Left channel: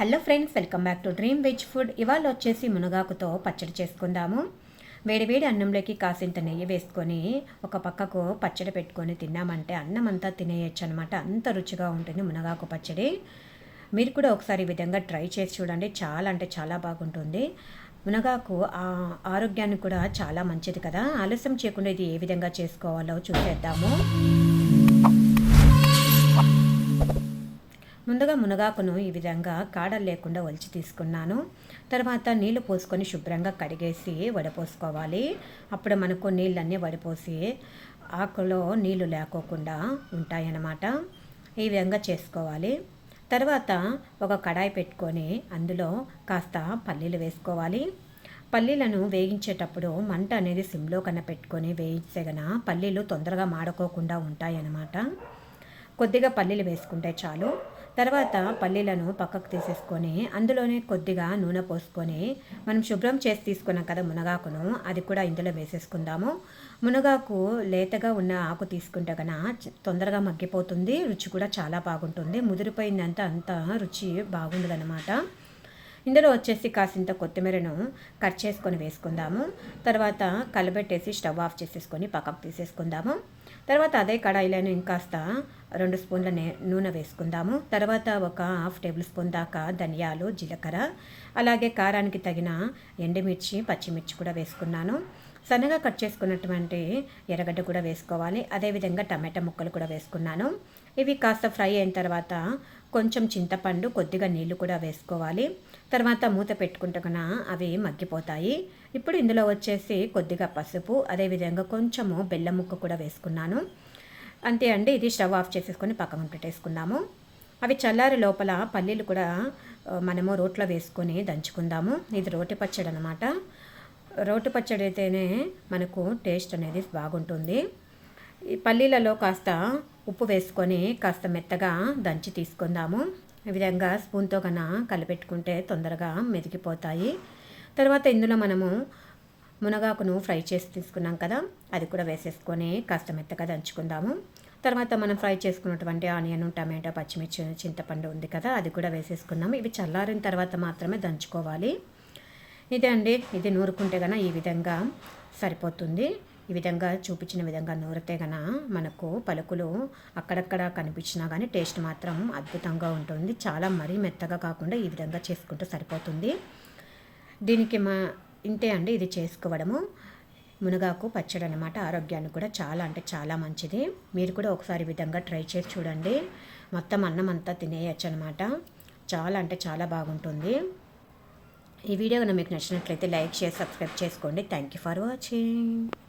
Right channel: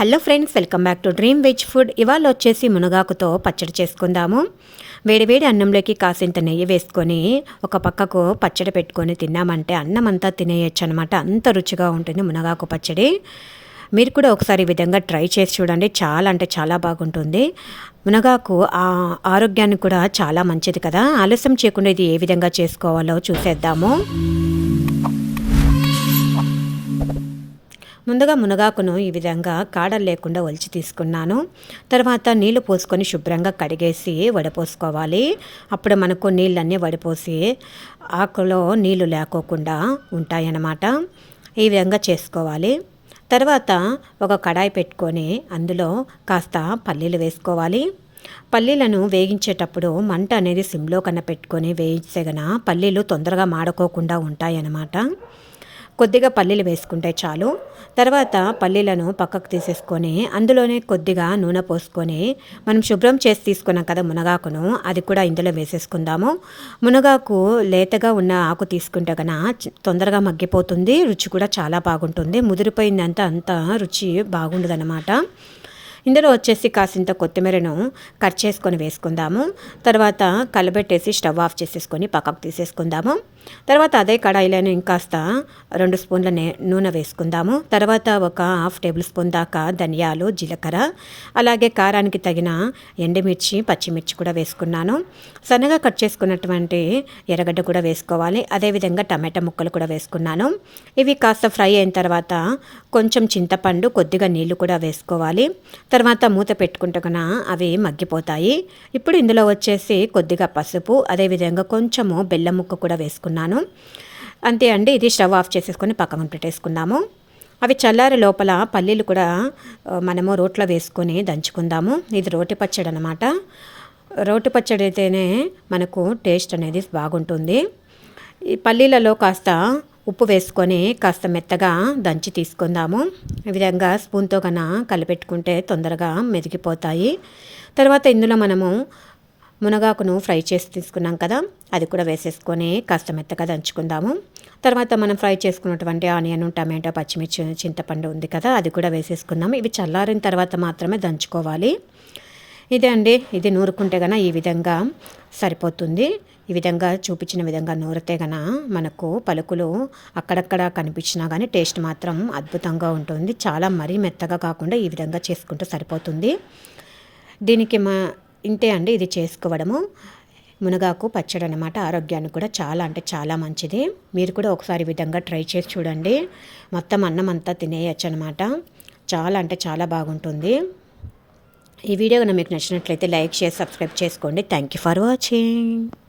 Hello friends, welcome back to dream veg food. ఇవాళ వచ్చేసి మునగాకుతో పచ్చడి చేసుకుందాము. వేడివేడి అన్నంలోకి కాసింత నెయ్యి వేసుకొని ఒక పక్కకు పచ్చడి పెట్టుకొని తిన్నామంటే అన్నం అంతా తినేయచ్చు అనమాట. అంత రుచిగా ఉంటుంది మునగాకు పచ్చడి. మీరు కూడా ఒకసారి ఈ విధంగా ట్రై చేసి చూడండి. చాలా అంటే చాలా బాగుంటుంది. మునగాకు ఆరోగ్యానికి కూడా చాలా మంచిది కదా. ఆలస్యం చేయకుండా ఇది ఏ విధంగా చేసుకోవాలో చూసేద్దాము. ముందుగా మునగాకును ఈ విధంగా కాడలు లేకుండా ఒలిచి తీసుకున్నాను. తర్వాత నీళ్లు పోసుకొని శుభ్రంగా కడిగేసి వడపోసుకోవాలి. అప్పుడు మనకు నీళ్ళన్నీ వడిపోసి ఆకులో నీళ్లు లేకోకుండా ఉంటాయన్నమాట. ఈ విధంగా చేసుకోవాలి. తర్వాత ఒక కడాయి పెట్టుకొని అందులో కాస్త పల్లీలు వేసుకోవాలి. పల్లీలను వేగించేటప్పుడు మంట అనేది సిమ్లో కన్నా పెట్టుకొని వేయించగన పల్లీలు తొందరగా మాడుకోకుండా ఉంటాయన్నమాట. కొద్దిగా పల్లీలు వేసుకుంటే చాలు. తర్వాత పల్లీలను పక్కకు తీసేసుకొని అందులోనే కొద్దిగా నూనె పోసుకొని మనం శుభ్రం చేసి తీసుకున్నాం కదా మునగాకును, అది కూడా ఇందులో వేసేసుకుందాము. మునగాకు లేతగా ఉన్న ఆకు తీసుకుంటే కనుక తొందరగా మగ్గిపోతుంది. రుచి కూడా చాలా బాగుంటుంది. ముదిరిపోయిందంతా అంత రుచి బాగుండదన్నమాట. ఇందులో వచ్చేసి కాసింత కొత్తిమీరను కట్ చేసుకొని వేసుకుందాము. తర్వాత కలబెట్టేసి స్టవ్ ఆఫ్ చేసేసుకొని పక్కకు తీసేసుకుందాము. తర్వాత అదే కడాయిలోనే ఇంకాస్త 2 స్పూన్ల నూనె వేసుకుందాము. తర్వాత ఒక హాఫ్ టేబుల్ స్పూన్ దాకా ధనియాలు, జీలకర్ర, అలాగే కారానికి తగిన ఎండుమిర్చి, పచ్చిమిర్చి కూడా వేసుకున్నాను. సన్నగా కట్ చేసుకున్నటువంటి ఎర్రగడ్డ కూడా వేసుకోవాలి. అదేవిధంగా టమాటా ముక్కలు కూడా వేసుకున్నాను. ఇవి కాస్త ఫ్రై అయిన తర్వాత కొంచెం చింతపండు, కొద్దిగా నీళ్లు కూడా వేసుకోవాలి. తర్వాత మూత పెట్టుకుంటే కన్నా అవి మగ్గిపోతాయి. ఇప్పుడు ఇందులో వచ్చేసి కొద్దిగా పసుపు, అదేవిధంగా కొంచెము బెల్లం ముక్క కూడా వేసుకున్నాను. అంతే అండి. ఇది స్టవ్ ఆఫ్ చేసేసుకొని పక్కన పెట్టేసుకుందాము. అవి చల్లారి లోపల పల్లీలు కూడా మనము రోట్లో వేసుకొని దంచుకుందాము. ఇది రోటి పచ్చడి అనమాట. రోటి పచ్చడి అయితేనే మనకు టేస్ట్ అనేది బాగుంటుంది. ఈ పల్లీలలో కాస్త ఉప్పు వేసుకొని కాస్త మెత్తగా దంచి తీసుకుందాము. ఈ విధంగా స్పూన్తో కన్నా కలిపెట్టుకుంటే తొందరగా మెదిగిపోతాయి. తర్వాత ఇందులో మనము మునగాకును ఫ్రై చేసి తీసుకున్నాం కదా, అది కూడా వేసేసుకొని కాస్త మెత్తగా దంచుకుందాము. తర్వాత మనం ఫ్రై చేసుకున్నటువంటి ఆనియన్, టమాటో, పచ్చిమిర్చి, చింతపండు ఉంది కదా, అది కూడా వేసేసుకుందాము. ఇవి చల్లారిన తర్వాత మాత్రమే దంచుకోవాలి. ఇదే అండి. ఇది నూరుకుంటే కన్నా ఈ విధంగా సరిపోతుంది. ఈ విధంగా చూపించిన విధంగా నూరితే గన మనకు పలుకులు అక్కడక్కడ కనిపించినా కానీ టేస్ట్ మాత్రం అద్భుతంగా ఉంటుంది. చాలా మరీ మెత్తగా కాకుండా ఈ విధంగా చేసుకుంటే సరిపోతుంది. దీనికి ఇంతే అండి. ఇది చేసుకోవడము మునగాకు పచ్చడి అనమాట. ఆరోగ్యానికి కూడా చాలా అంటే చాలా మంచిది. మీరు కూడా ఒకసారి ఈ విధంగా ట్రై చేసి చూడండి. మొత్తం అన్నం అంతా తినేయచ్చు అనమాట. చాలా అంటే చాలా బాగుంటుంది. ఈ వీడియో కనుక మీకు నచ్చినట్లయితే లైక్, షేర్, సబ్స్క్రైబ్ చేసుకోండి. Thank you for watching.